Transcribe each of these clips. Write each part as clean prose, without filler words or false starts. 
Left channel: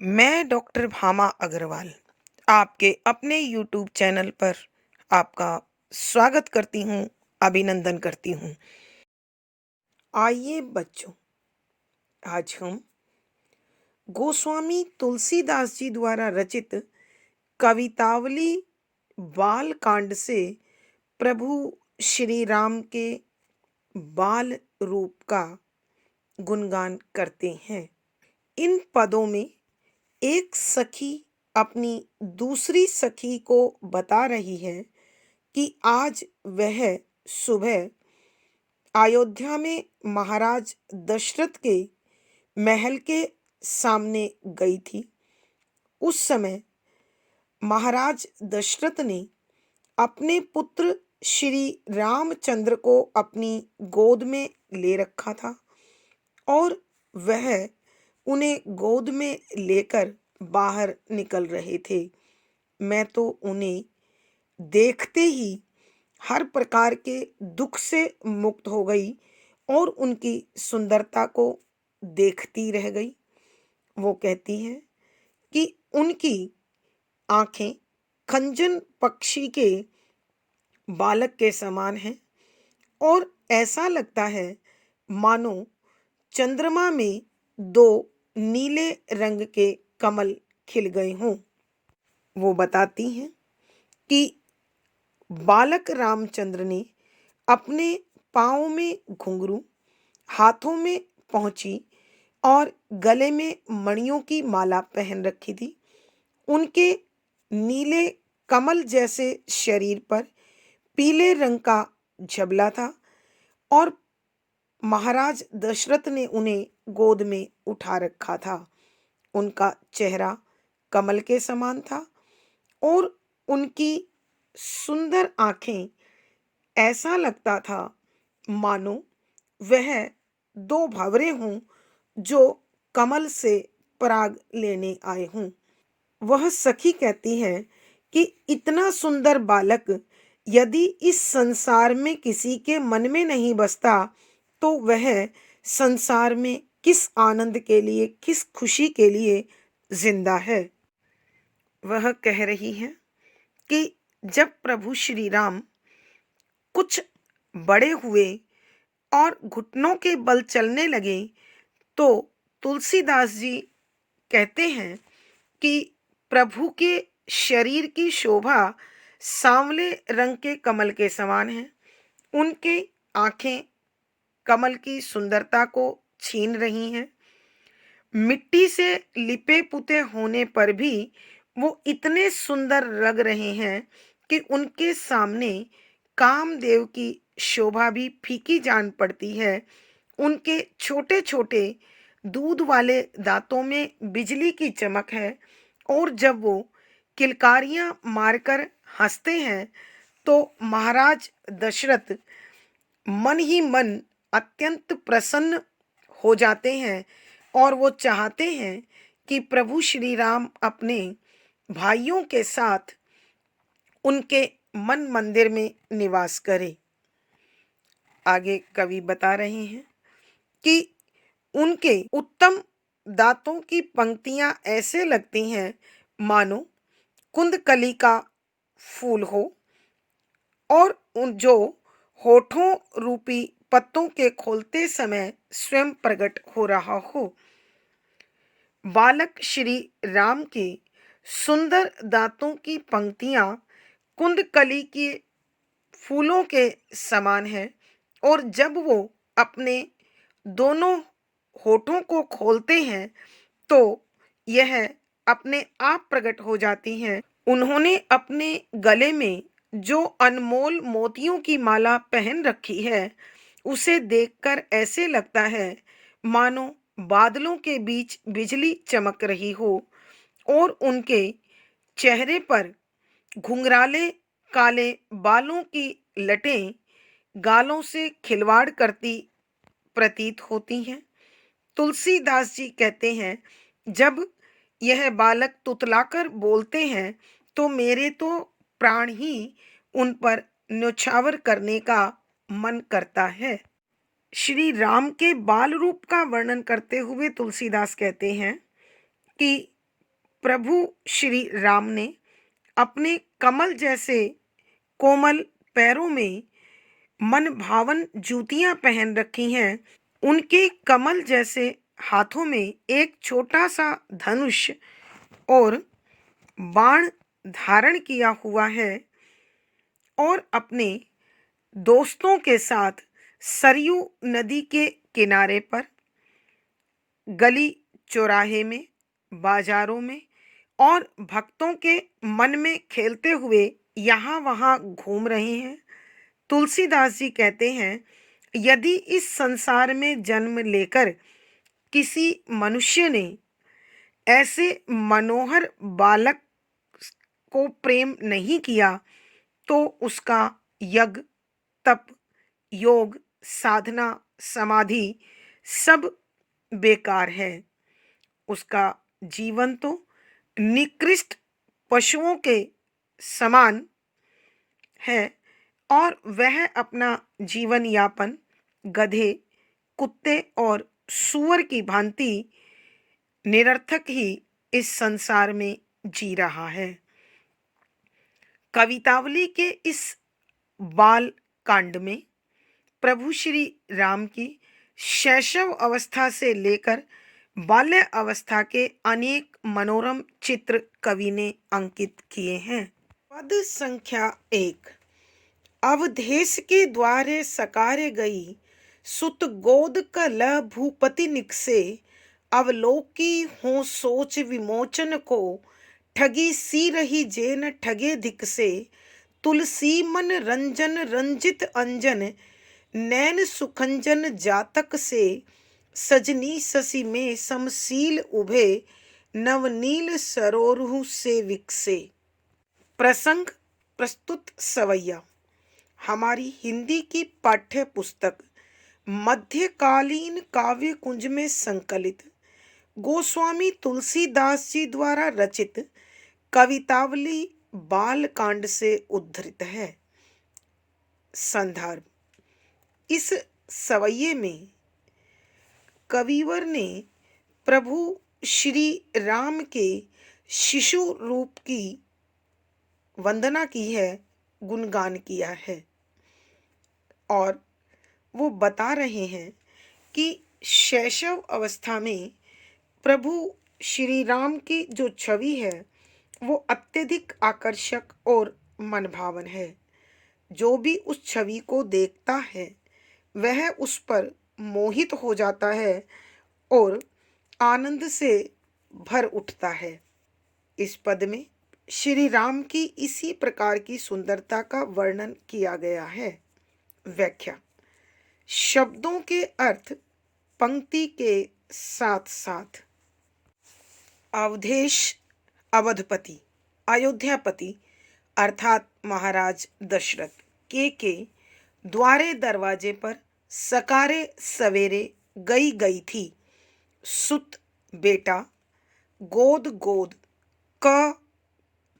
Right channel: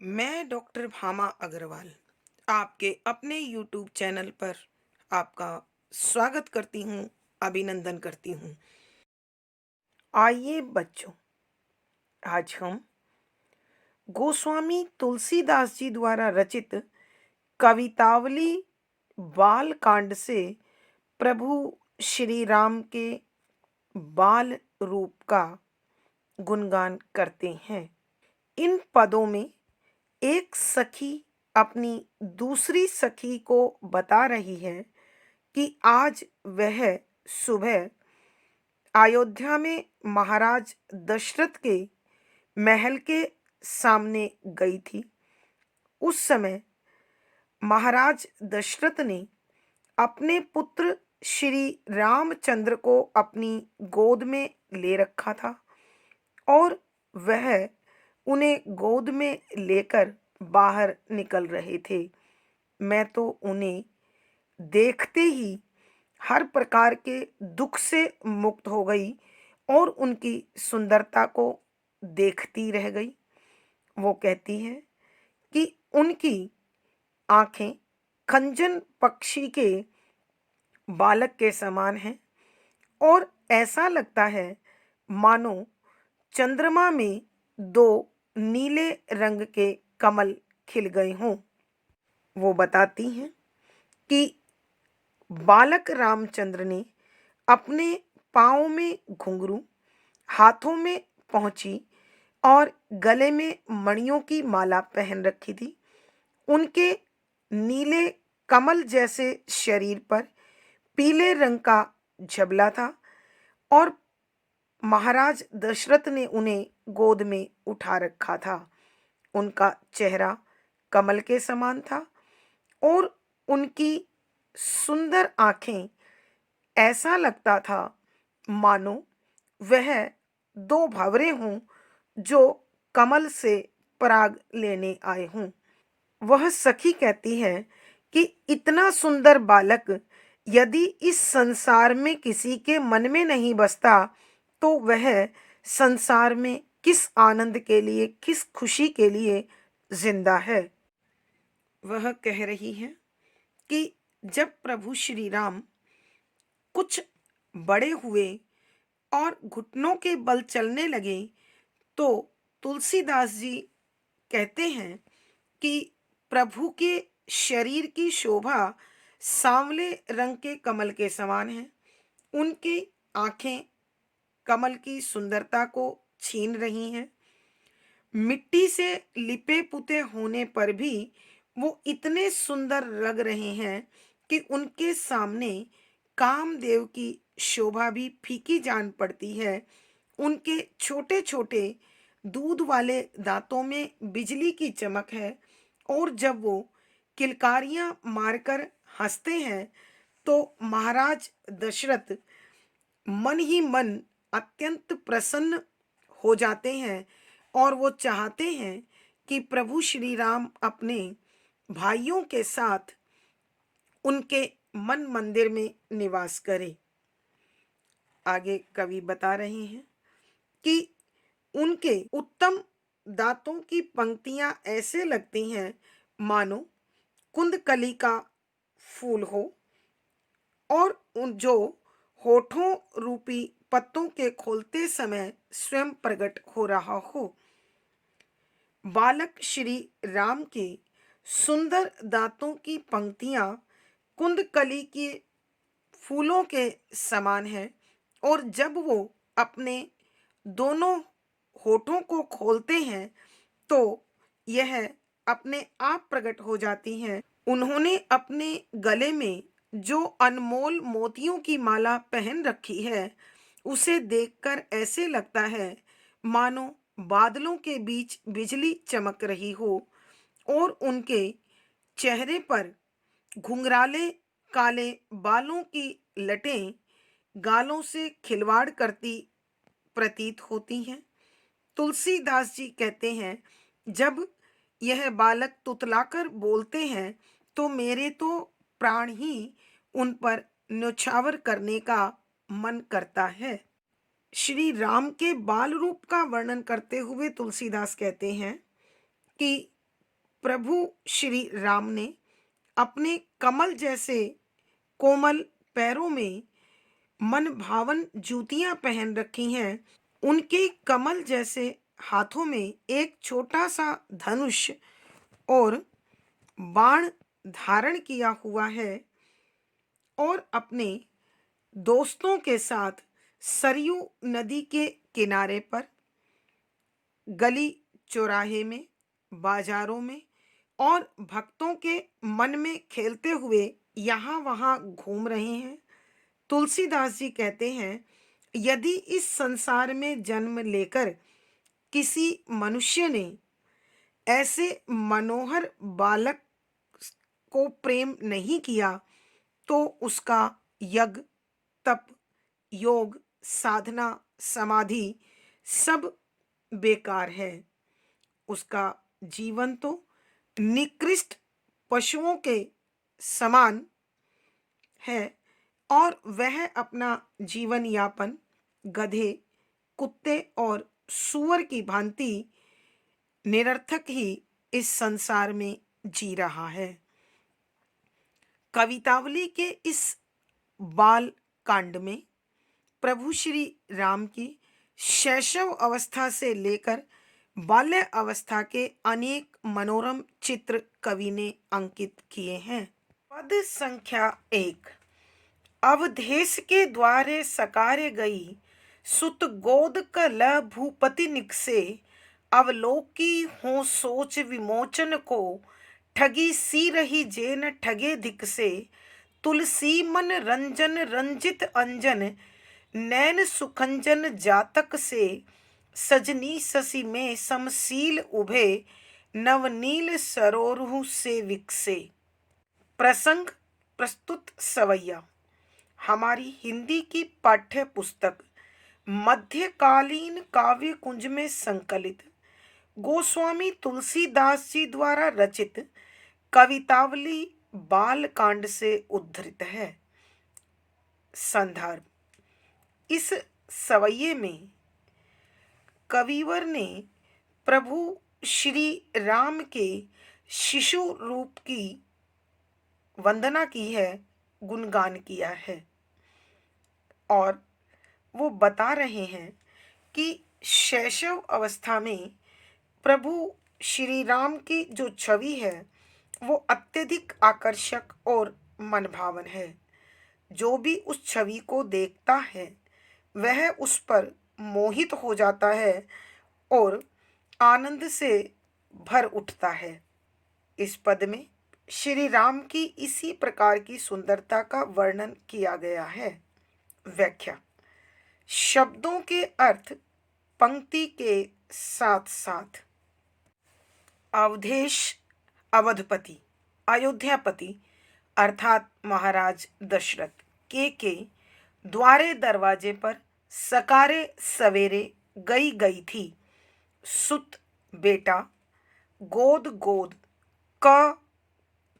मैं डॉक्टर भामा अग्रवाल आपके अपने यूट्यूब चैनल पर आपका स्वागत करती हूँ, अभिनंदन करती हूँ। आइए बच्चों, आज हम गोस्वामी तुलसीदास जी द्वारा रचित कवितावली बाल कांड से प्रभु श्री राम के बाल रूप का गुणगान करते हैं। इन पदों में एक सखी अपनी दूसरी सखी को बता रही है कि आज वह सुबह अयोध्या में महाराज दशरथ के महल के सामने गई थी। उस समय महाराज दशरथ ने अपने पुत्र श्री रामचंद्र को अपनी गोद में ले रखा था और वह उन्हें गोद में लेकर बाहर निकल रहे थे। मैं तो उन्हें देखते ही हर प्रकार के दुख से मुक्त हो गई और उनकी सुंदरता को देखती रह गई। वो कहती हैं कि उनकी आंखें खंजन पक्षी के बालक के समान हैं और ऐसा लगता है मानो चंद्रमा में दो नीले रंग के कमल खिल गए हों। वो बताती हैं कि बालक रामचंद्र ने अपने पाँव में घुंघरू, हाथों में पहुंची और गले में मणियों की माला पहन रखी थी। उनके नीले कमल जैसे शरीर पर पीले रंग का झबला था और महाराज दशरथ ने उन्हें गोद में उठा रखा था। उनका चेहरा कमल के समान था और उनकी सुंदर आंखें, ऐसा लगता था मानो वह दो भंवरे हों जो कमल से पराग लेने आए हों। वह सखी कहती है कि इतना सुंदर बालक यदि इस संसार में किसी के मन में नहीं बसता तो वह संसार में किस आनंद के लिए, किस खुशी के लिए जिंदा है। वह कह रही है कि जब प्रभु श्री राम कुछ बड़े हुए और घुटनों के बल चलने लगे तो तुलसीदास जी कहते हैं कि प्रभु के शरीर की शोभा सांवले रंग के कमल के समान है। उनकी आंखें कमल की सुंदरता को छीन रही हैं। मिट्टी से लिपे पुते होने पर भी वो इतने सुंदर लग रहे हैं कि उनके सामने कामदेव की शोभा भी फीकी जान पड़ती है। उनके छोटे छोटे दूध वाले दांतों में बिजली की चमक है और जब वो किलकारियां मारकर हंसते हैं तो महाराज दशरथ मन ही मन अत्यंत प्रसन्न हो जाते हैं और वो चाहते हैं कि प्रभु श्री राम अपने भाइयों के साथ उनके मन मंदिर में निवास करें। आगे कवि बता रहे हैं कि उनके उत्तम दांतों की पंक्तियां ऐसे लगती हैं मानो कुंदकली का फूल हो और उन जो होठों रूपी पत्तों के खोलते समय स्वयं प्रकट हो रहा हो। बालक श्री राम के सुंदर दांतों की पंक्तियां कुंदकली के फूलों के समान है और जब वो अपने दोनों होठों को खोलते हैं तो यह अपने आप प्रकट हो जाती हैं। उन्होंने अपने गले में जो अनमोल मोतियों की माला पहन रखी है उसे देखकर ऐसे लगता है मानो बादलों के बीच बिजली चमक रही हो और उनके चेहरे पर घुंघराले काले बालों की लटें गालों से खिलवाड़ करती प्रतीत होती हैं। तुलसीदास जी कहते हैं जब यह बालक तुतलाकर बोलते हैं तो मेरे तो प्राण ही उन पर न्योछावर करने का मन करता है। श्री राम के बाल रूप का वर्णन करते हुए तुलसीदास कहते हैं कि प्रभु श्री राम ने अपने कमल जैसे कोमल पैरों में मन भावन जूतियां पहन रखी हैं। उनके कमल जैसे हाथों में एक छोटा सा धनुष और बाण धारण किया हुआ है और अपने दोस्तों के साथ सरयू नदी के किनारे पर गली चौराहे में, बाजारों में और भक्तों के मन में खेलते हुए यहाँ वहाँ घूम रहे हैं। तुलसीदास जी कहते हैं, यदि इस संसार में जन्म लेकर किसी मनुष्य ने ऐसे मनोहर बालक को प्रेम नहीं किया तो उसका यज्ञ, तप, योग, साधना, समाधि सब बेकार है। उसका जीवन तो निकृष्ट पशुओं के समान है और वह अपना जीवन यापन गधे, कुत्ते और सूअर की भांति निरर्थक ही इस संसार में जी रहा है। कवितावली के इस बाल कांड में प्रभु श्री राम की शैशव अवस्था से लेकर बाल्य अवस्था के अनेक मनोरम चित्र कवि ने अंकित किए हैं। पद संख्या 1। अवधेश के द्वारे सकारे गई, सुत गोद कल भूपति निकसे, अवलोकी हो सोच विमोचन को, ठगी सी रही जेन ठगे धिक से, तुलसी मन रंजन रंजित अंजन, नैन सुखंजन जातक से, सजनी शशि में समशील उभे, नवनील सरोरु से विकसे। प्रसंग प्रस्तुत सवैया। हमारी हिंदी की पाठ्य पुस्तक मध्यकालीन काव्य कुंज में संकलित गोस्वामी तुलसीदास जी द्वारा रचित कवितावली बाल कांड से उद्धृत है। संदर्भ। इस सवैये में कविवर ने प्रभु श्री राम के शिशु रूप की वंदना की है, गुणगान किया है और वो बता रहे हैं कि शैशव अवस्था में प्रभु श्री राम की जो छवि है वो अत्यधिक आकर्षक और मनभावन है। जो भी उस छवि को देखता है वह उस पर मोहित हो जाता है और आनंद से भर उठता है। इस पद में श्री राम की इसी प्रकार की सुंदरता का वर्णन किया गया है। व्याख्या। शब्दों के अर्थ पंक्ति के साथ साथ। अवधेश अवधपति, अयोध्यापति अर्थात महाराज दशरथ के द्वारे दरवाजे पर सकारे सवेरे गई थी, सुत बेटा, गोद क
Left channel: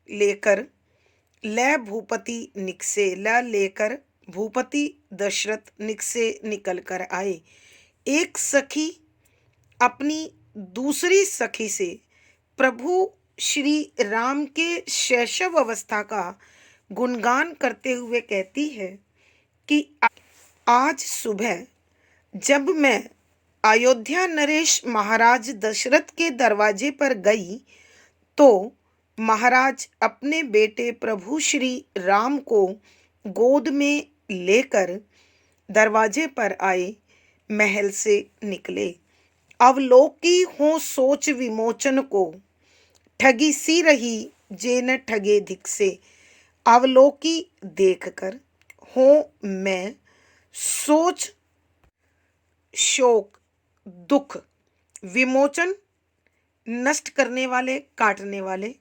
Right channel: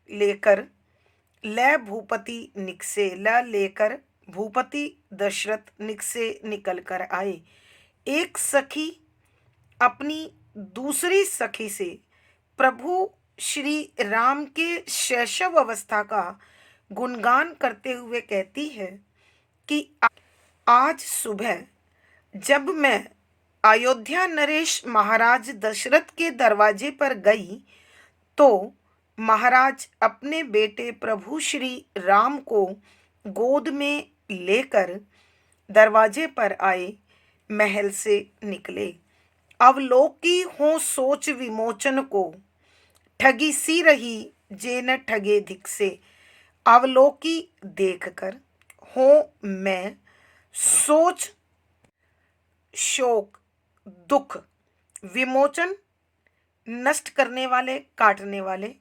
लेकर, ल भूपति निकसे, ल लेकर भूपति दशरथ निकसे निकल कर आए। एक सखी अपनी दूसरी सखी से प्रभु श्री राम के शैशव अवस्था का गुणगान करते हुए कहती है कि आज सुबह जब मैं अयोध्या नरेश महाराज दशरथ के दरवाजे पर गई तो महाराज अपने बेटे प्रभु श्री राम को गोद में लेकर दरवाजे पर आए, महल से निकले। अवलोकी हो सोच विमोचन को, ठगी सी रही जेन ठगे धिक से। अवलोकी देखकर, हो मैं, सोच शोक दुख, विमोचन नष्ट करने वाले काटने वाले,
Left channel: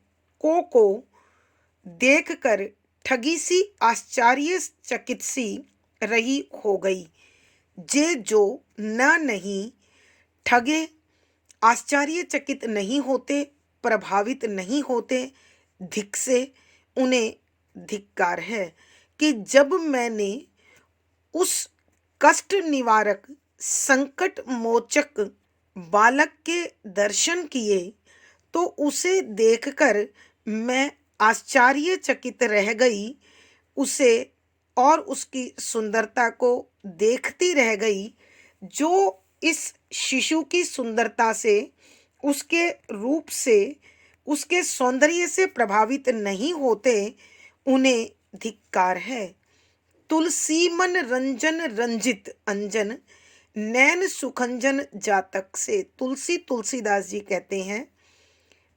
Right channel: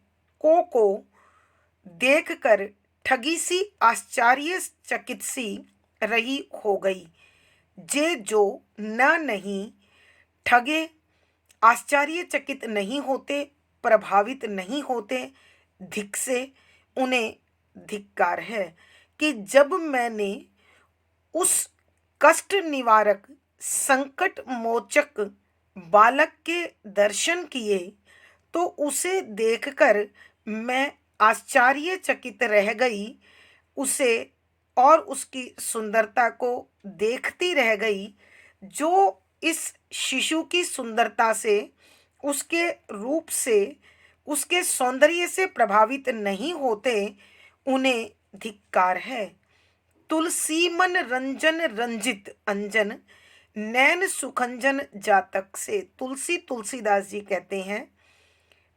को देखकर ठगी सी आश्चर्यचकित सी रही हो गई। जे जो न नहीं ठगे आश्चर्यचकित नहीं होते, प्रभावित नहीं होते, धिक से उन्हें धिक्कार है कि जब मैंने उस कष्ट निवारक संकट मोचक बालक के दर्शन किए तो उसे देखकर मैं आश्चर्यचकित रह गई। उसे और उसकी सुंदरता को देखती रह गई। जो इस शिशु की सुंदरता से, उसके रूप से, उसके सौंदर्य से प्रभावित नहीं होते, उन्हें धिक्कार है। तुलसी मन रंजन रंजित अंजन, नैन सुखंजन जातक से। तुलसीदास जी कहते हैं,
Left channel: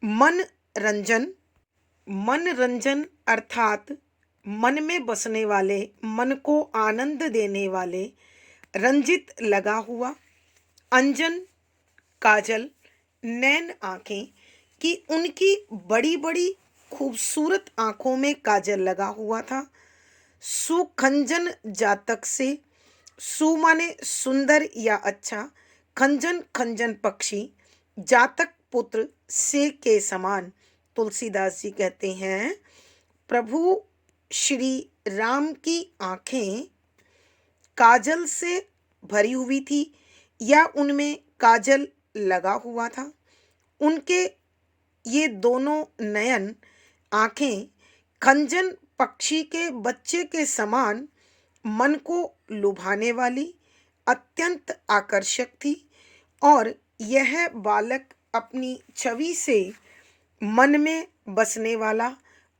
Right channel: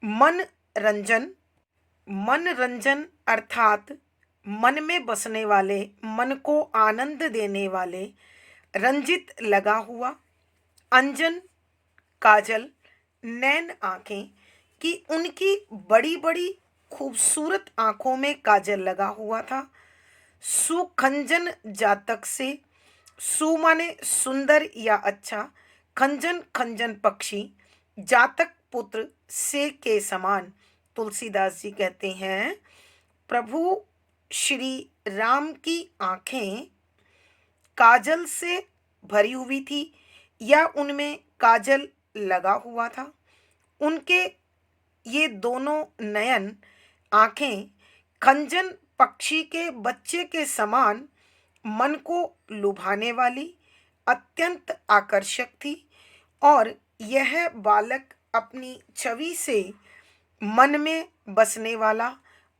मन रंजन, मन रंजन अर्थात मन में बसने वाले, मन को आनंद देने वाले, रंजित लगा हुआ, अंजन काजल, नैन आंखें, कि उनकी बड़ी बड़ी खूबसूरत आंखों में काजल लगा हुआ था। सुखंजन जातक से, सु माने सुंदर या अच्छा, खंजन खंजन पक्षी, जातक पुत्र से के समान। तुलसीदास जी कहते हैं, प्रभु श्री राम की आंखें काजल से भरी हुई थी या उनमें काजल लगा हुआ था। उनके ये दोनों नयन आंखें खंजन पक्षी के बच्चे के समान मन को लुभाने वाली, अत्यंत आकर्षक थी। और यह बालक अपनी छवि से मन में बसने वाला,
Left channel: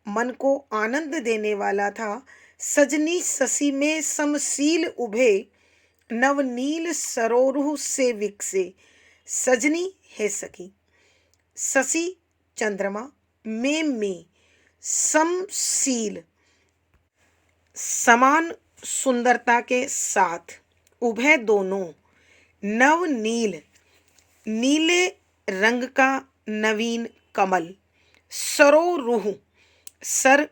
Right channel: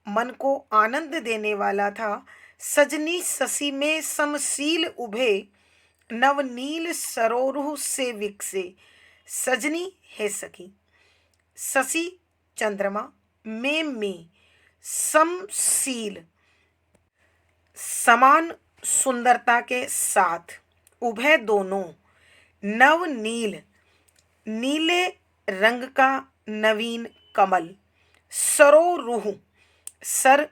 मन को आनंद देने वाला था। सजनी ससी में समशील उभे, नवनील सरोरुह से विकसे। सजनी है सखी, शशि चंद्रमा, में समशील समान सुंदरता के साथ, उभय दोनों, नव नील नीले रंग का नवीन कमल, सरोरुह सर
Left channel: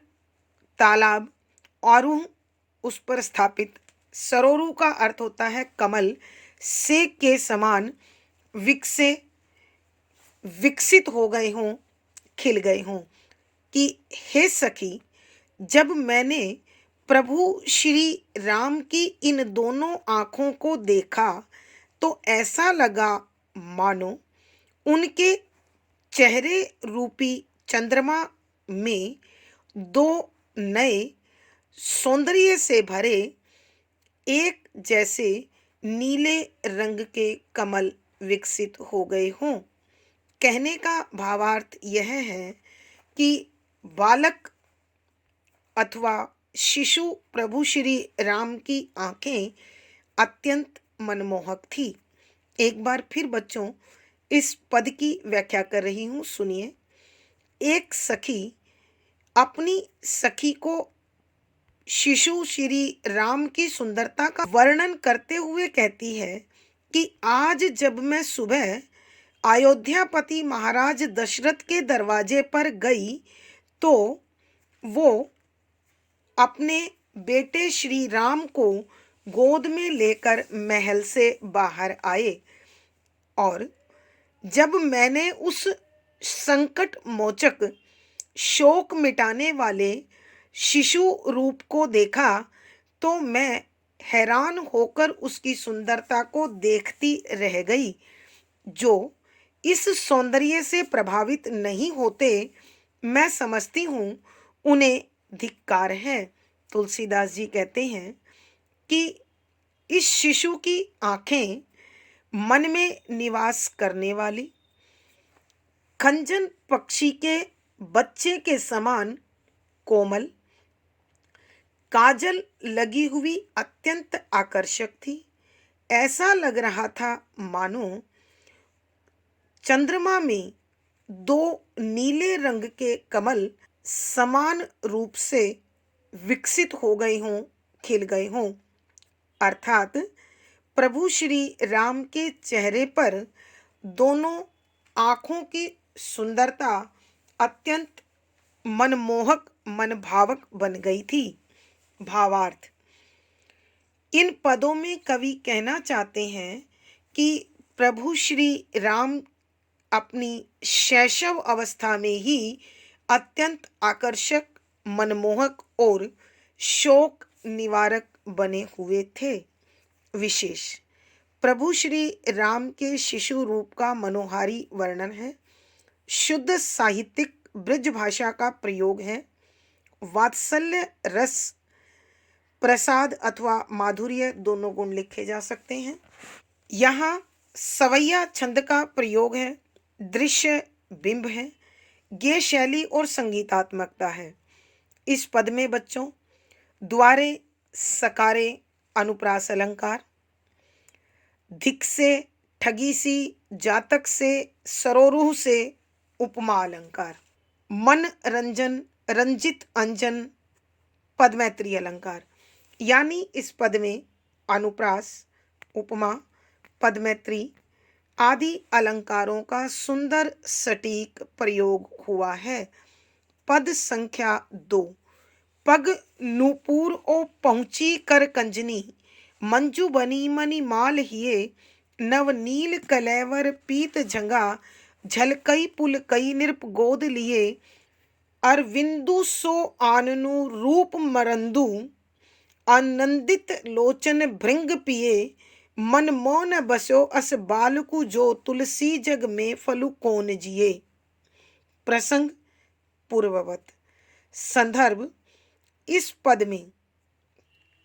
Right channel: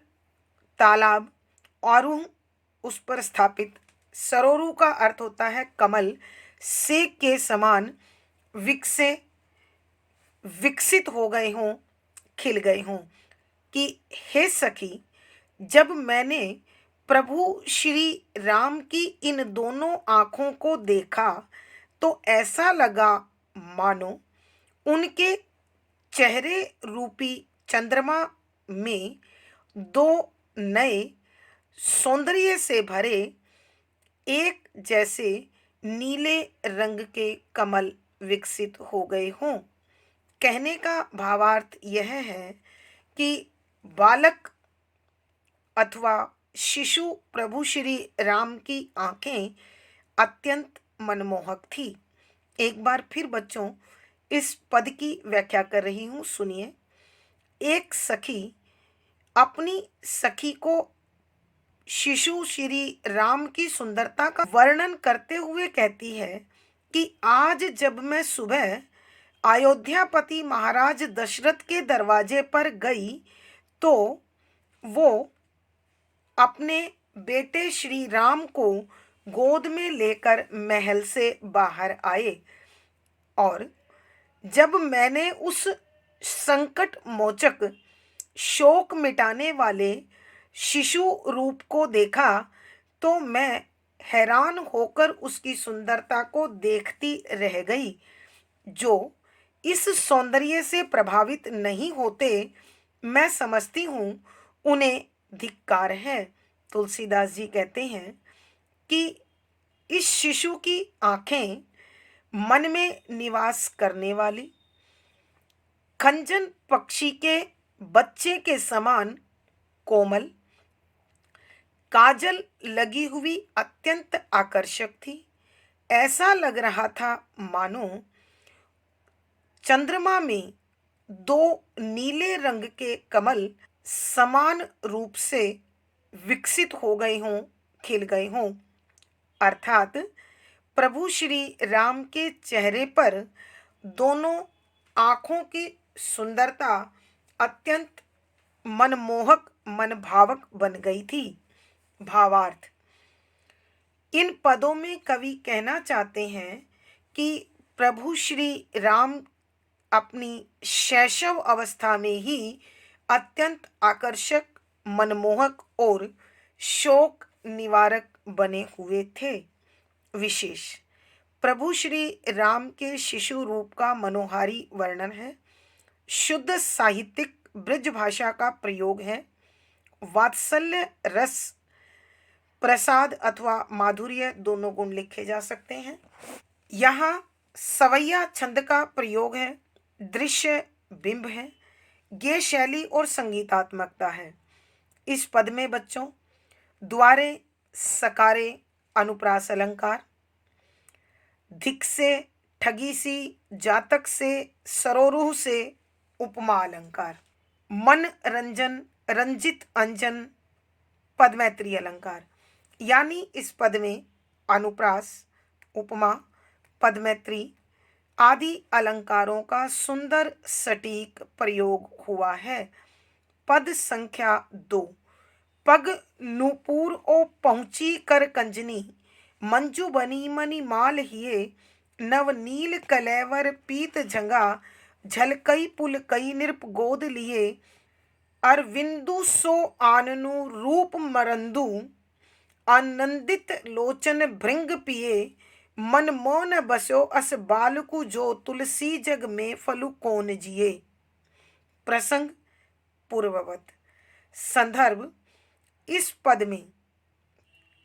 तालाब, आरूह उस पर स्थापित, सरोरु का अर्थ होता है कमल, से के समान, विकसे विकसित हो गए हों, खिल गए हों। कि हे सखी, जब मैंने प्रभु श्री राम की इन दोनों आँखों को देखा तो ऐसा लगा मानो उनके चेहरे रूपी चंद्रमा में दो नए सौंदर्य से भरे एक जैसे नीले रंग के कमल विकसित हो गए हों। कहने का भावार्थ यह है कि बालक अथवा शिशु प्रभु श्री राम की आंखें अत्यंत मनमोहक थी। एक बार फिर बच्चों इस पद की व्याख्या कर रही हूँ, सुनिए। एक सखी अपनी सखी को शिशु श्री राम की सुंदरता का वर्णन करते हुए कहती है कि आज जब मैं सुबह अयोध्यापति महाराज दशरथ के दरवाजे पर गई तो वो अपने बेटे श्री राम को गोद में लेकर महल से बाहर आए, और जब मैंने उस संकट मोचक, शोक मिटाने वाले शिशु रूप को देखा तो मैं हैरान होकर उसकी सुंदरता को देखती रह गई। जो इस सौंदर्य से प्रभावित नहीं होते, मैं समझती हूँ उन्हें धिक्कार है। तुलसीदास जी कहते हैं कि इस शिशु की आंखें मन में निवास करने वाली, खंजन पक्षी के बच्चे के समान कोमल, काजल लगी हुई अत्यंत आकर्षक थी। ऐसा लग रहा था मानो चंद्रमा में दो नीले रंग के कमल समान रूप से विकसित हो गए हों, खिल गए हों। अर्थात प्रभु श्री राम के चेहरे पर दोनों आँखों की सुंदरता अत्यंत मनमोहक, मनभावक बन गई थी। भावार्थ, इन पदों में कवि कहना चाहते हैं कि प्रभु श्री राम अपनी शैशव अवस्था में ही अत्यंत आकर्षक, मनमोहक और शोक निवारक बने हुए थे। विशेष प्रभु श्री राम के शिशु रूप का मनोहारी वर्णन है। शुद्ध साहित्यिक ब्रज भाषा का प्रयोग है। वात्सल्य, रस, प्रसाद अथवा माधुर्य दोनों गुण लिखे जा सकते हैं। यहाँ सवैया छंद का प्रयोग है। दृश्य बिंब है। गेय शैली और संगीतात्मकता है। इस पद में बच्चों द्वारे, सकारे, अनुप्रास अलंकार, धिक से, ठगी सी, जातक से, सरोरुह से उपमा अलंकार, मन रंजन, रंजित अंजन, पदमैत्री अलंकार। यानी इस पद में अनुप्रास, उपमा, पदमैत्री आदि अलंकारों का सुंदर सटीक प्रयोग हुआ है। पद संख्या 2। पग नूपुर ओ पहुंची कर कंजनी, मंजू बनी मनी माल हिये, नव नील कलेवर पीत झंगा, झलकई पुल कई नृप गोद लिए, अरविंदु सो आननु रूप मरंदु, आनंदित लोचन भृंग पिए, मन मोन बस्यो अस बालकु जो, तुलसी जग में फलु कौन जिए। प्रसंग पूर्ववत। संदर्भ, इस पद में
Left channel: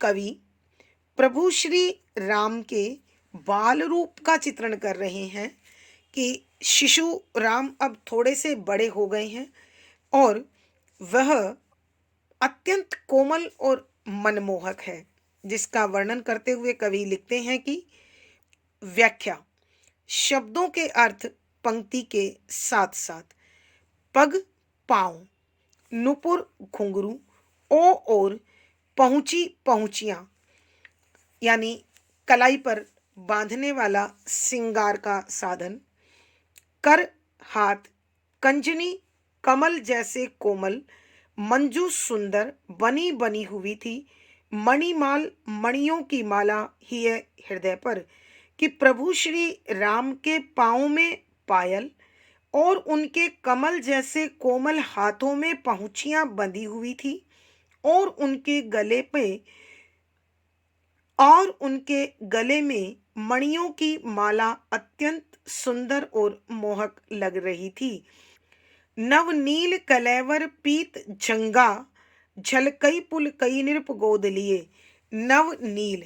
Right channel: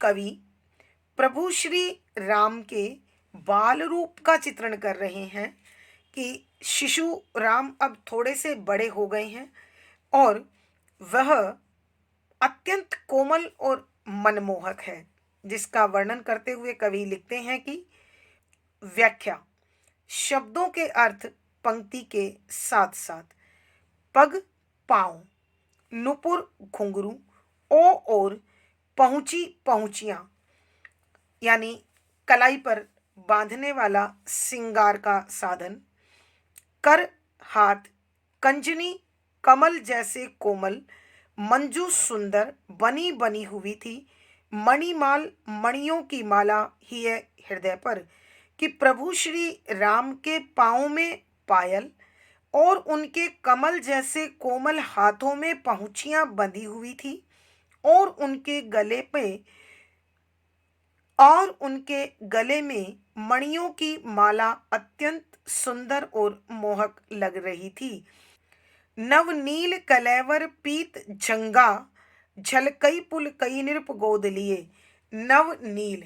कवि प्रभु श्री राम के बाल रूप का चित्रण कर रहे हैं कि शिशु राम अब थोड़े से बड़े हो गए हैं और वह अत्यंत कोमल और मनमोहक है, जिसका वर्णन करते हुए कवि लिखते हैं कि व्याख्या, शब्दों के अर्थ पंक्ति के साथ साथ। पग पाँव, नुपुर घुंघरू, ओ और पहुंची पहुंचियां यानी कलाई पर बांधने वाला सिंगार का साधन, कर हाथ, कंजनी कमल जैसे कोमल, मंजू सुंदर बनी बनी हुई थी, मणिमाल मणियों की माला ही है हृदय पर, कि प्रभु श्री राम के पाँव में पायल और उनके कमल जैसे कोमल हाथों में पहुंचियां बंधी हुई थी और उनके गले में मणियों की माला अत्यंत सुंदर और मोहक लग रही थी। नवनील कलेवर पीत जंगा, झलकई पुल कई नृप गोद लिए। नवनील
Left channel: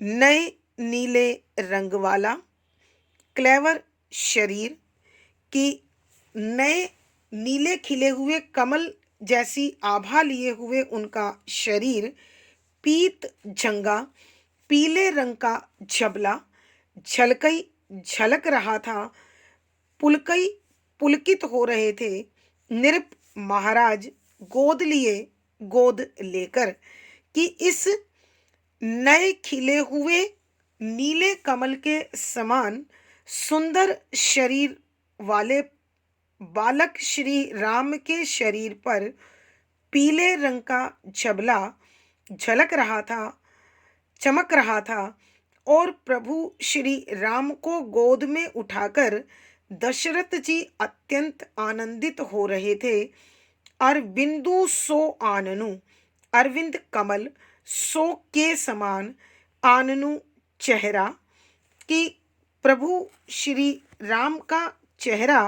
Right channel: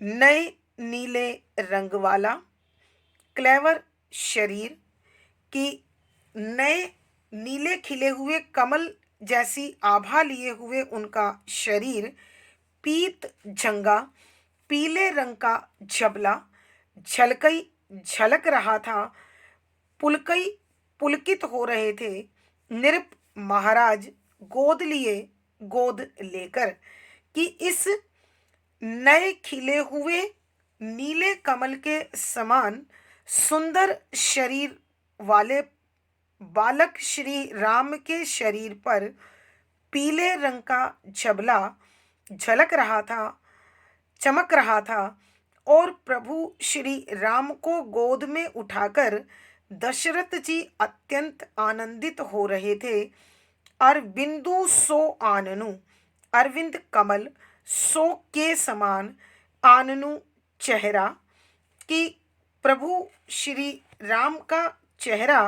नए नीले रंग वाला, क्लेवर शरीर की नए नीले खिले हुए कमल जैसी आभा लिए हुए उनका शरीर, पीत झंगा पीले रंग का झबला, झलकई झलक रहा था, पुलकई पुलकित हो रहे थे, नृप महाराज गोद लिए गोद लेकर, कि इस नए खिले हुए नीले कमल के समान सुंदर शरीर वाले बालक श्री राम के शरीर पर पीले रंग का झबला झलक रहा था, चमक रहा था और प्रभु श्री राम को गोद में उठाकर दशरथ जी अत्यंत आनंदित हो रहे थे। अरविंदु सो आननु, अरविंद कमल, सो के समान, आननु चेहरा, कि प्रभु श्री राम का चेहरा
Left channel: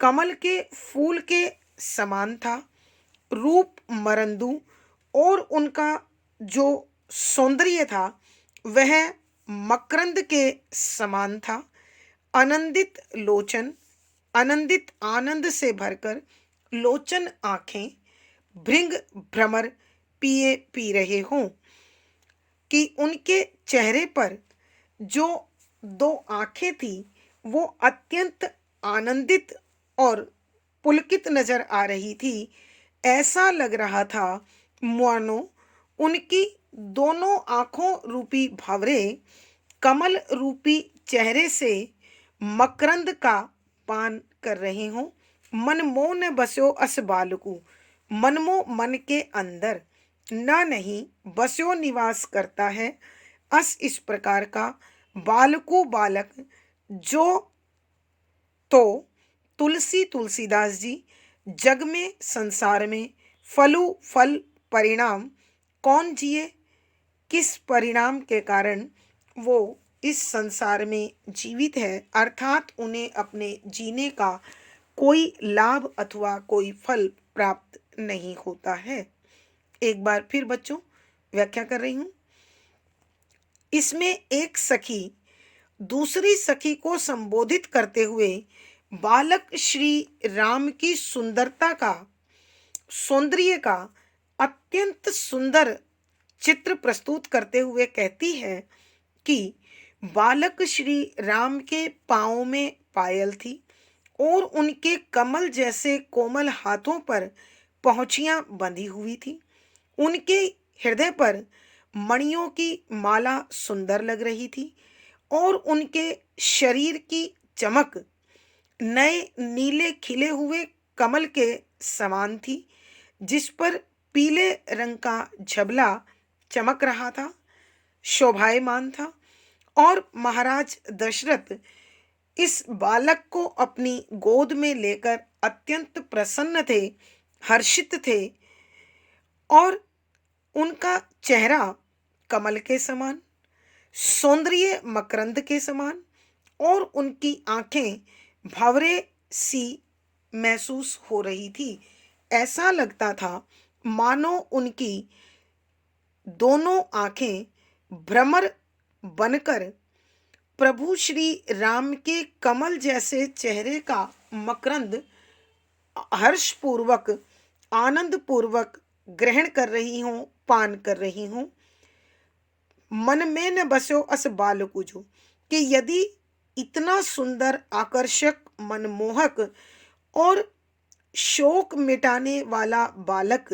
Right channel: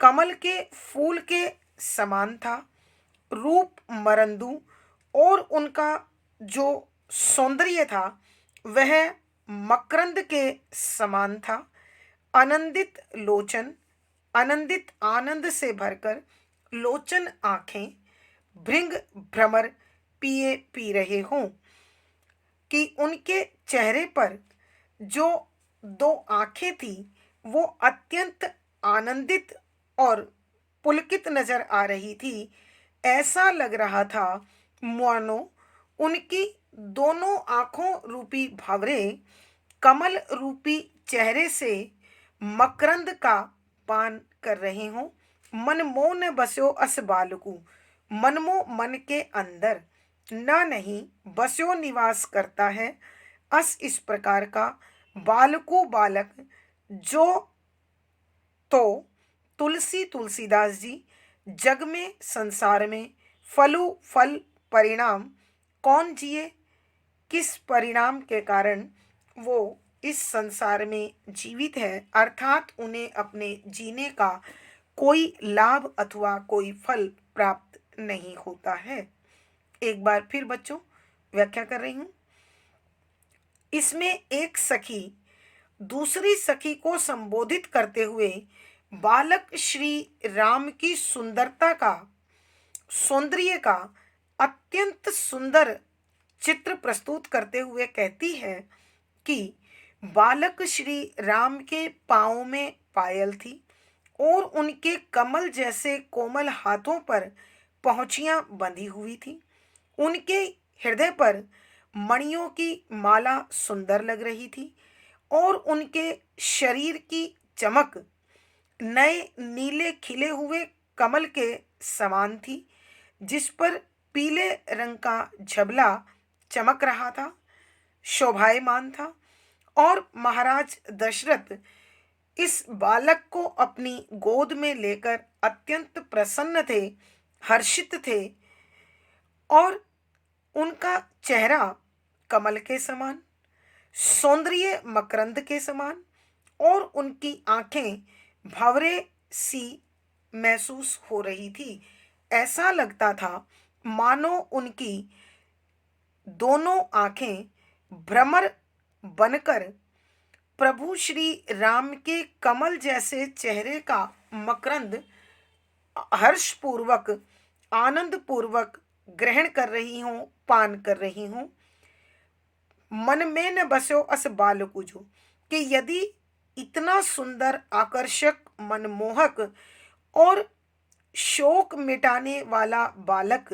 कमल के फूल के समान था। रूप मरंदु, और उनका जो सौंदर्य था वह मकरंद के समान था। आनंदित लोचन, आनंदित आनंद से भरकर, लोचन आंखें, भृंग भ्रमर पिए पी रहे हों, कि उनके चेहरे पर जो दो आंखें थी वो अत्यंत आनंदित और पुलकित नजर आ रही थी। ऐसा लग रहा था मानो उनकी दोनों आंखों रूपी भंवरे कमल रूपी चेहरे से मकरंद का पान कर रहे हों। मनमो न बस्यो अस बालकु, मनमो मन के अंदर, न नहीं बस्यो निवास करता है, अस इस प्रकार का, बालकु बालक, जो तो तुलसी तुलसीदास जी, जग में संसार में, फलु फल परिणाम, कौन जिए, किस परिणाम के कारण वो इस संसार में जीवित है, अर्थात उन्हें अपने जीने का कोई लाभ अथवा कोई फल प्राप्त नहीं होता है। एक बार फिर बच्चों व्याख्या कर रही हूं। इसमें एक सखी दूसरी सखी को संबोधित करते हुए बालक श्री राम की सौंदर्य का अत्यंत सुंदर चित्र प्रस्तुत करते हुए कहती है कि बालक श्री राम के पांवों में पायल थी और उनके कमल जैसे कोमल हाथों पर पहुंचियां बंधी हुई थी। उनके हृदय पर मणियों की माला सुंदर लग रही थी और उनके शरीर की चमक नए नीले खिले हुए कमल के समान थी, जिस पर पीले रंग का झबला चमक रहा था, शोभायमान था। और महाराज दशरथ इस बालक को अपनी गोद में लेकर अत्यंत प्रसन्न थे, हर्षित थे। और उनका चेहरा कमल के समान, सौंदर्य मकरंद के समान और उनकी आंखें भंवरे सी महसूस हो रही थी। ऐसा लगता था मानो उनकी दोनों आंखें भ्रमर बनकर प्रभु श्री राम के कमल जैसे चेहरे का मकरंद हर्षपूर्वक, आनंद पूर्वक ग्रहण कर रही हूं, पान कर रही हूं। मन में न बसो अस बालकुजो, कि यदि इतना सुंदर, आकर्षक, मनमोहक और शोक मिटाने वाला बालक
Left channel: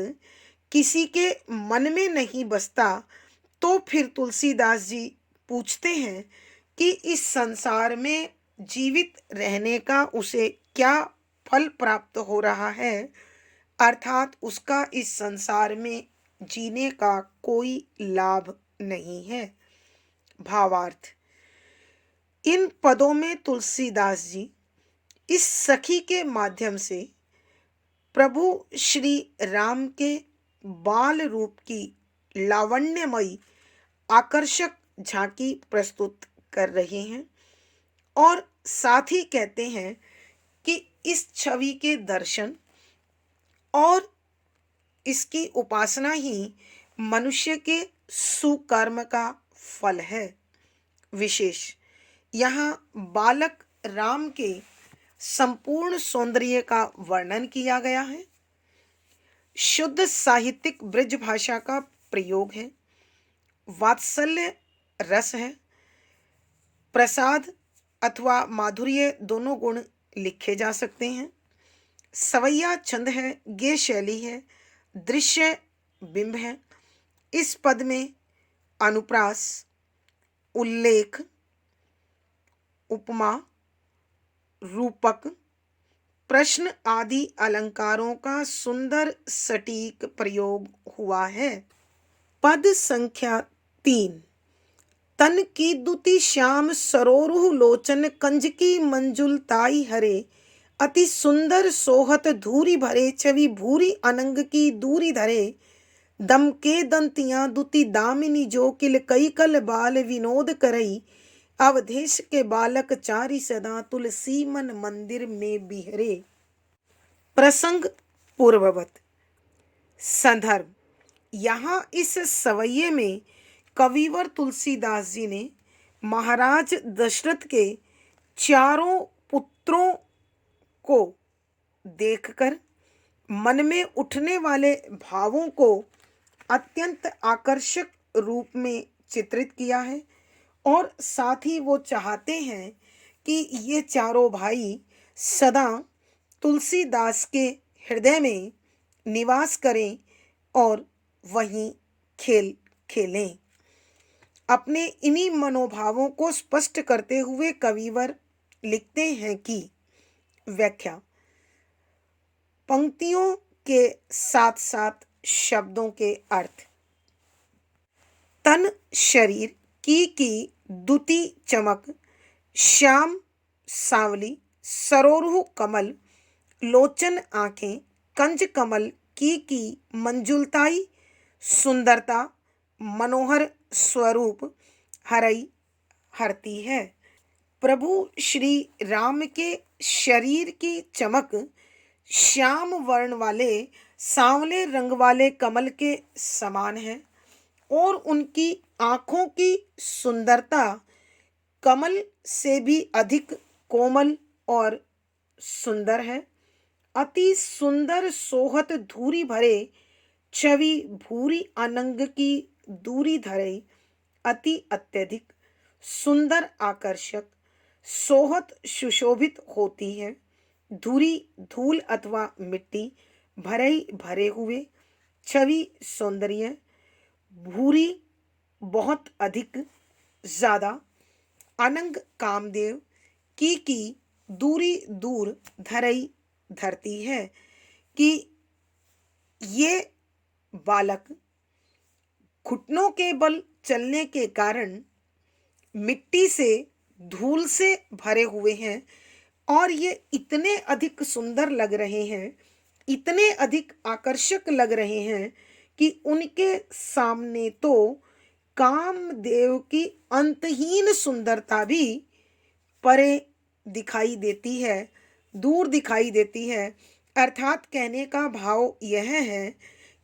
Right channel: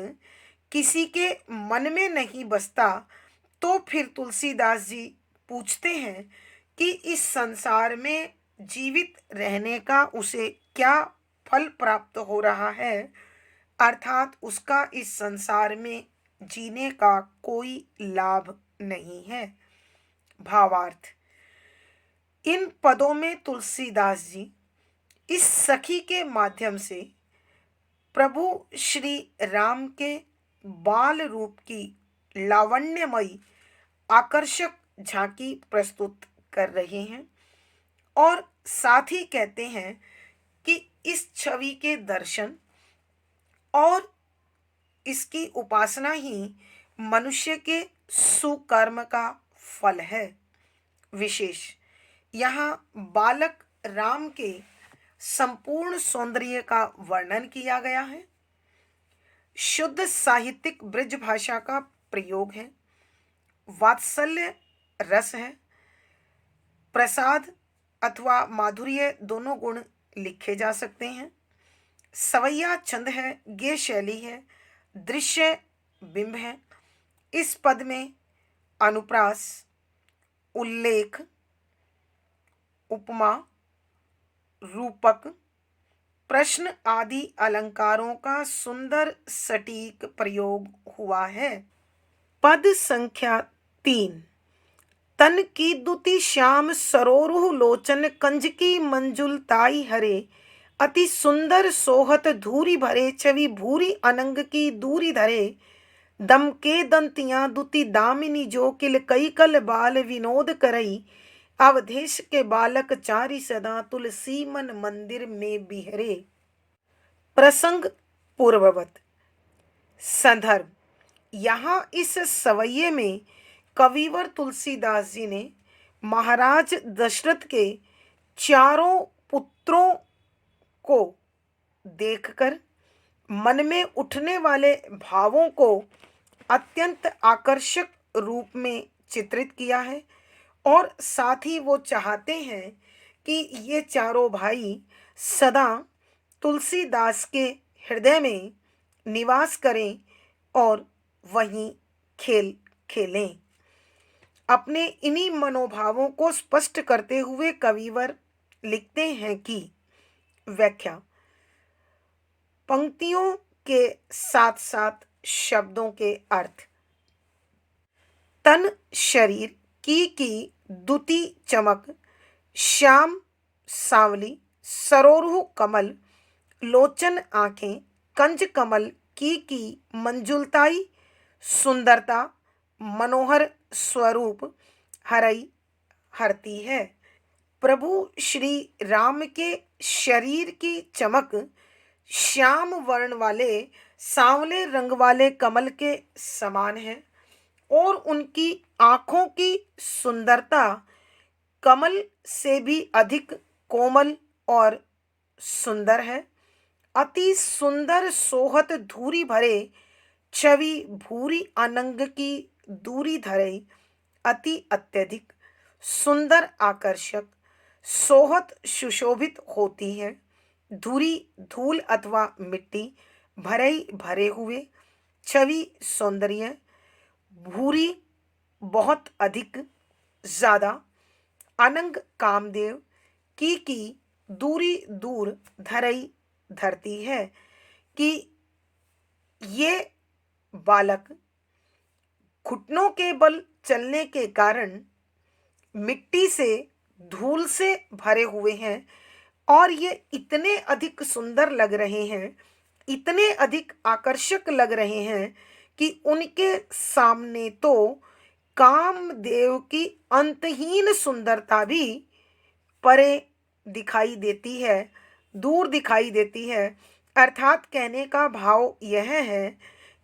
किसी के मन में नहीं बसता, तो फिर तुलसीदास जी पूछते हैं कि इस संसार में जीवित रहने का उसे क्या फल प्राप्त हो रहा है, अर्थात उसका इस संसार में जीने का कोई लाभ नहीं है। भावार्थ, इन पदों में तुलसीदास जी इस सखी के माध्यम से प्रभु श्री राम के बाल रूप की लावण्यमयी आकर्षक झांकी प्रस्तुत कर रहे हैं और साथ ही कहते हैं कि इस छवि के दर्शन और इसकी उपासना ही मनुष्य के सुकर्म का फल है। विशेष यहाँ बालक राम के संपूर्ण सौंदर्य का वर्णन किया गया है। शुद्ध साहित्यिक ब्रज भाषा का प्रयोग है, वात्सल्य रस है, प्रसाद अथवा माधुर्य दोनों गुण लिखे जा सकते हैं। सवैया छंद है, गेय शैली है, दृश्य बिंब है। इस पद में अनुप्रास, उल्लेख, उपमा, रूपक, प्रश्न आदि अलंकारों का सुंदर सटीक प्रयोग हुआ है। पद संख्या 3। तन की दुति श्याम सरोरुह लोचन, कंजकी मंजुलताई हरे, अति सुंदर सोहत धूरी भरे, छवि भूरी अनंग की दूरी धरे, दम के दंतियां दुति दामिनी, जो किल कई कल बाल विनोद करई, अवधेश के बालक चारि सदा, तुलसी मन मंदिर में बिहरे। प्रसंग पूर्ववत। संदर्भ, यहाँ इस सवैये में कविवर तुलसीदास जी ने महाराज दशरथ के चारों पुत्रों को देखकर मन में उठने वाले भावों को अत्यंत आकर्षक रूप में चित्रित किया है और साथ ही वो चाहते हैं कि ये चारों भाई सदा तुलसीदास के हृदय में निवास करें और वहीं खेल खेलें। अपने इन्हीं मनोभावों को स्पष्ट करते हुए कविवर लिखते हैं कि व्याख्या, पंक्तियों के साथ साथ शब्दों के अर्थ। तन शरीर की दुति चमक, श्याम सांवली, सरोरुह कमल, लोचन आंखें, कंज कमल की मंजुलताई सुंदरता, मनोहर स्वरूप, हरई हरती है। प्रभु श्री राम के शरीर की चमक श्याम वर्ण वाले सांवले रंग वाले कमल के समान है और उनकी आंखों की सुंदरता कमल से भी अधिक कोमल और सुंदर है। अति सुंदर सोहत धूरी भरे छवि भूरी अनंग की दूरी धरे अति अत्यधिक सुंदर आकर्षक सोहत सुशोभित होती है। धूरी धूल अथवा मिट्टी भरे भरे हुए छवि सौंदर्य भूरी बहुत अधिक ज्यादा अनंग कामदेव की दूरी दूर धरई धरती है कि ये बालक घुटनों के बल चलने के कारण मिट्टी से धूल से भरे हुए हैं और ये इतने अधिक सुंदर लग रहे हैं, इतने अधिक आकर्षक लग रहे हैं कि उनके सामने तो कामदेव की अंतहीन सुंदरता भी परे दिखाई देती है, दूर दिखाई देती है। अर्थात कहने का भाव यह है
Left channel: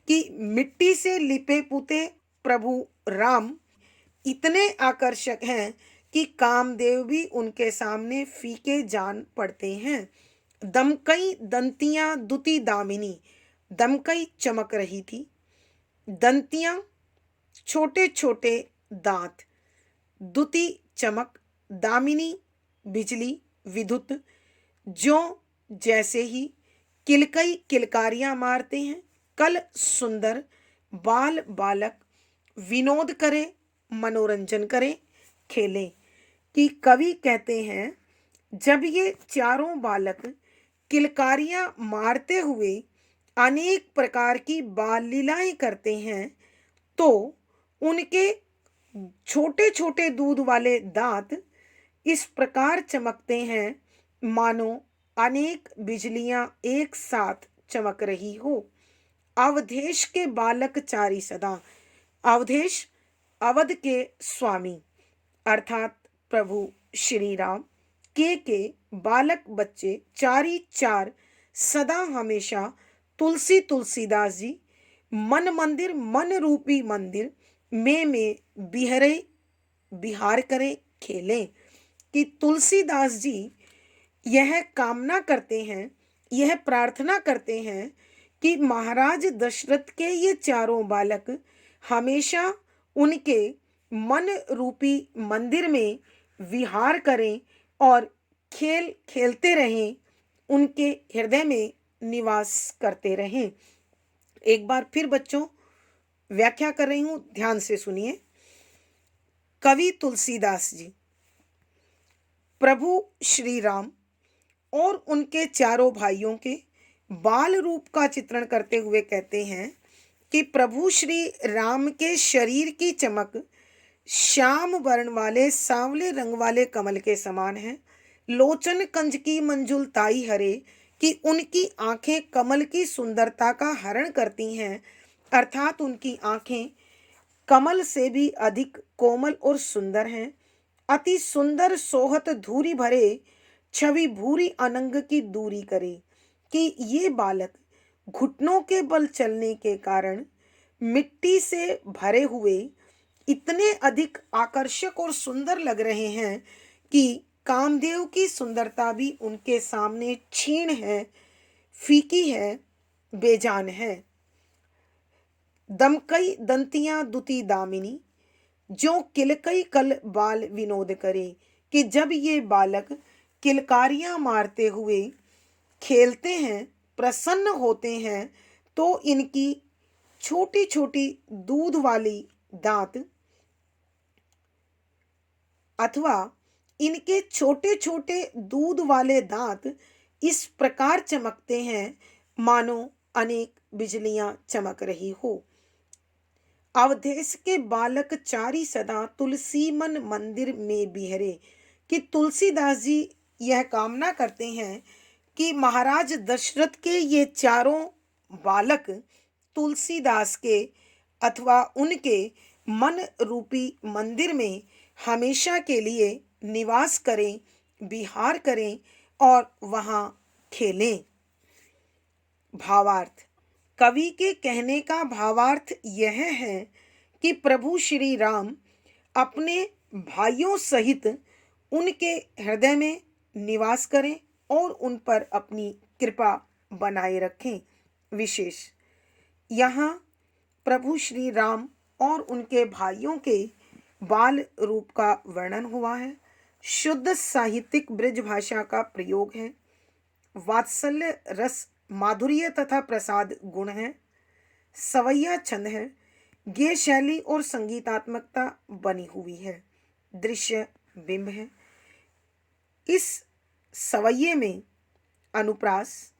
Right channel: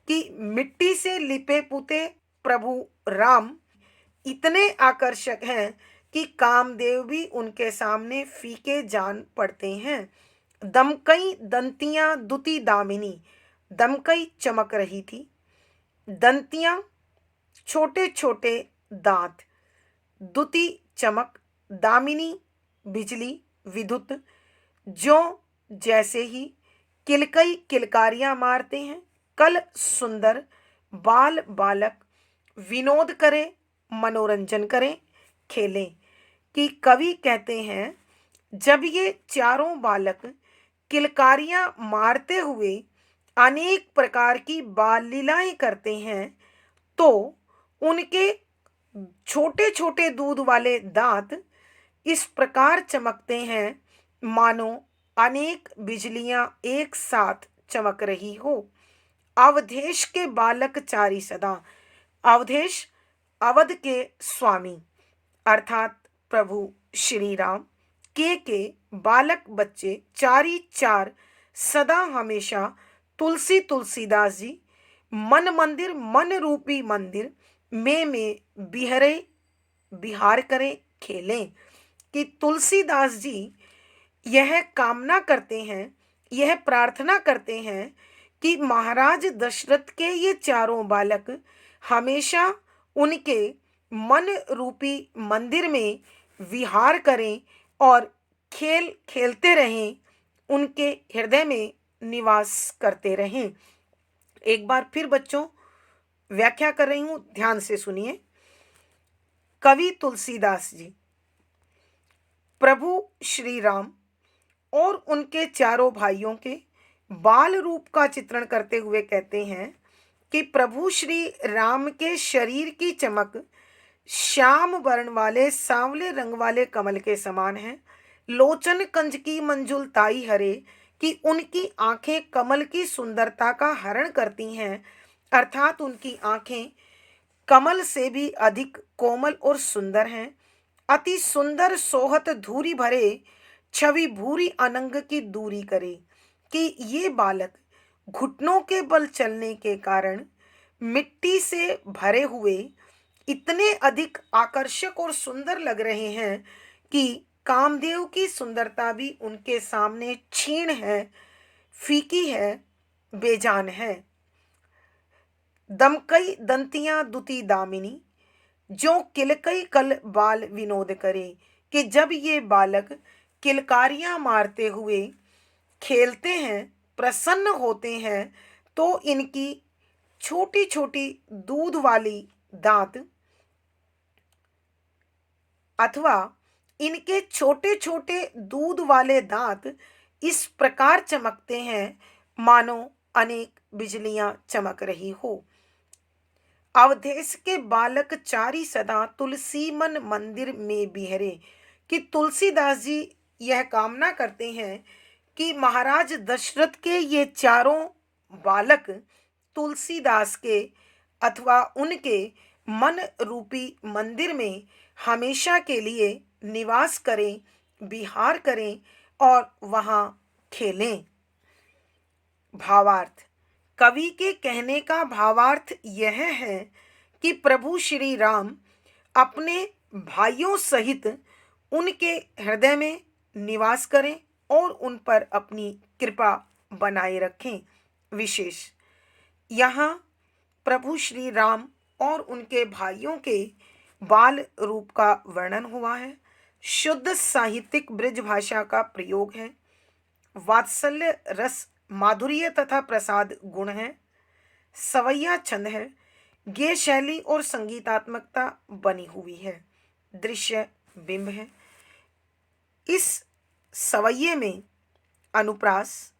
कि मिट्टी से लिपे पुते प्रभु राम इतने आकर्षक हैं कि कामदेव भी उनके सामने फीके जान पड़ते हैं। दमकई दंतियां दुति दामिनी, दमकई चमक रही थी, दंतियां छोटे छोटे दांत, दुति चमक, दामिनी बिजली विद्युत, जो जैसे ही किलकई किलकारियां मारते हैं, कल सुंदर बाल बालक विनोद करें, मनोरंजन करें, खेलें। कि कवि कहते हैं जब ये चारों बालक किलकारियां मारते हुए अनेक प्रकार की बाल लीलाएं करते हैं तो उनके छोटे छोटे दूध वाले दांत इस प्रकार चमकते हैं मानो अनेक बिजलियां एक साथ चमक रही हो। अवधेश के बालक चारी सदा, अवधेश अवध के स्वामी अर्थात प्रभु श्री राम के बालक बच्चे चारी चार सदा हमेशा तुलसी तुलसीदास जी मन मंदिर मन रूपी मंदिर में बिहरे बिहार करें खेलें। कि तुलसीदास जी यह कामना करते हैं, यह प्रार्थना करते हैं कि महाराज दशरथ के ये चारों बालक हमेशा उनके मन रूपी मंदिर में विहार करें और खेल खेलते रहें, उनके हृदय में निवास करते रहें। एक बार फिर बच्चों व्याख्या कर रही हूं, ध्यान से सुनिए। कवि तुलसीदास जी प्रभु श्री राम और उनके चारों भाइयों के बाल रूप का चित्रण करते हुए कहते हैं कि प्रभु श्री राम के शरीर की चमक श्याम वर्ण वाले सांवले रंग वाले कमल के समान है। लोचन कंज की मंजुल ताई हरे, कि उनकी आंखें कमल की सुंदरता का हरण करती हैं, अर्थात उनकी आंखें कमल से भी अधिक कोमल और सुंदर हैं। अति सुंदर सोहत धूरी भरे छवि भूरी अनंग की दूरी करे। कि ये बालक घुटनों के बल चलने के कारण मिट्टी से भरे हुए इतने अधिक आकर्षक और सुंदर लग रहे हैं कि कामदेव की सुंदरता भी उनके सामने क्षीण है, फीकी है, बेजान है। दमकई दंतियां दुति दामिनी, जो किलकई कल बाल विनोद करे। कि जब ये बालक किलकारियां मारते हुए खेलते हैं, प्रसन्न होते हैं, तो इनकी छोटी छोटी दूध वाली दांत अथवा इनके छोटे छोटे दूध वाले दांत इस प्रकार चमकते हैं मानो अनेक बिजलियां चमक रही हो। अवधेश के बालक चारी सदा तुलसी मन मंदिर में बिहरे। कि तुलसीदास जी यह कामना करते हैं कि महाराज दशरथ के ये चारों बालक तुलसीदास के अथवा उनके मन रूपी मंदिर में हमेशा के लिए निवास करें, विहार करें और वहाँ खेलें। भावार्थ। कवि के कहने का भावार्थ यह है कि प्रभु श्री राम अपने भाइयों सहित उनके हृदय में निवास करें और उन पर अपनी कृपा बनाए रखें। विशेष यहाँ प्रभु श्री राम और उनके भाइयों के बाल रूप का वर्णन हुआ है। शुद्ध साहित्यिक ब्रज भाषा का प्रयोग है। वात्सल्य रस, माधुर्य तथा प्रसाद गुण है। सवैया छंद है। गेय शैली और संगीतात्मकता बनी हुई है। दृश्य बिंब है। इस सवैये में अनुप्रास,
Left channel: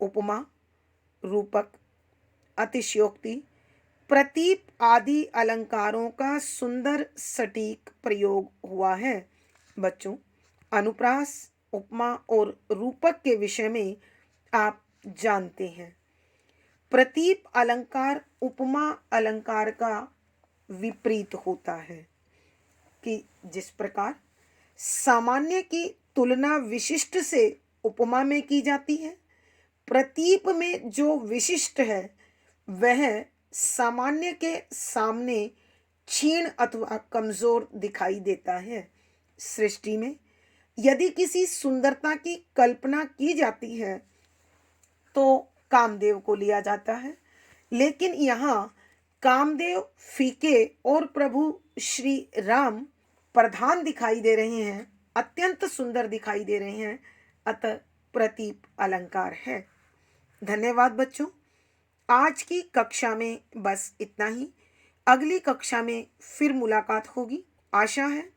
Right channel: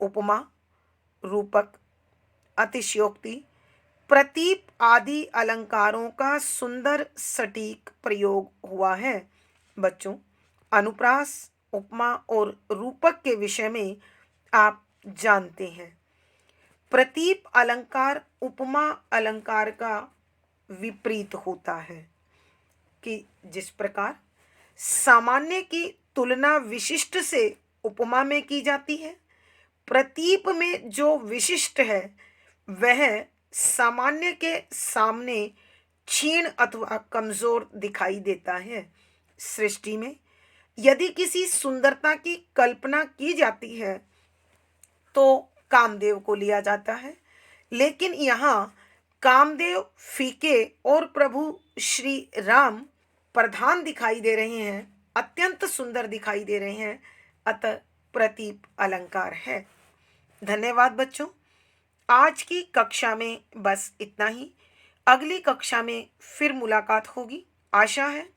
उपमा, रूपक, अतिशयोक्ति, प्रतीप आदि अलंकारों का सुंदर सटीक प्रयोग हुआ है। बच्चों, अनुप्रास, उपमा और रूपक के विषय में आप जानते हैं। प्रतीप अलंकार उपमा अलंकार का विपरीत होता है कि जिस प्रकार सामान्य की तुलना विशिष्ट से उपमा में की जाती है, प्रतीप में जो विशिष्ट है वह सामान्य के सामने क्षीण अथवा कमजोर दिखाई देता है। सृष्टि में यदि किसी सुंदरता की कल्पना की जाती है तो कामदेव को लिया जाता है, लेकिन यहाँ कामदेव फीके और प्रभु श्री राम प्रधान दिखाई दे रहे हैं, अत्यंत सुंदर दिखाई दे रहे हैं। अतः प्रतीप अलंकार है। धन्यवाद बच्चों। आज की कक्षा में बस इतना ही। अगली कक्षा में फिर मुलाकात होगी। आशा है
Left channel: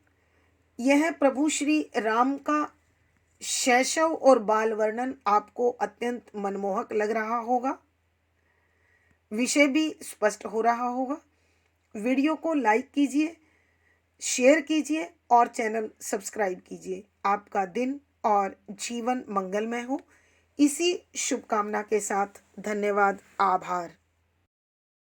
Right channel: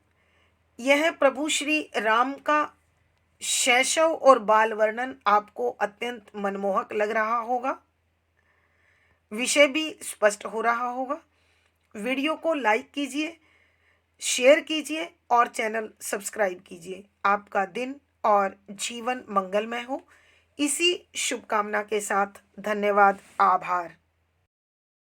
यह प्रभु श्री राम का शैशव और बाल वर्णन आपको अत्यंत मनमोहक लग रहा होगा। विषय भी स्पष्ट हो रहा होगा। वीडियो को लाइक कीजिए, शेयर कीजिए और चैनल सब्सक्राइब कीजिए। आपका दिन और जीवन मंगलमय हो, इसी शुभकामना के साथ धन्यवाद, आभार।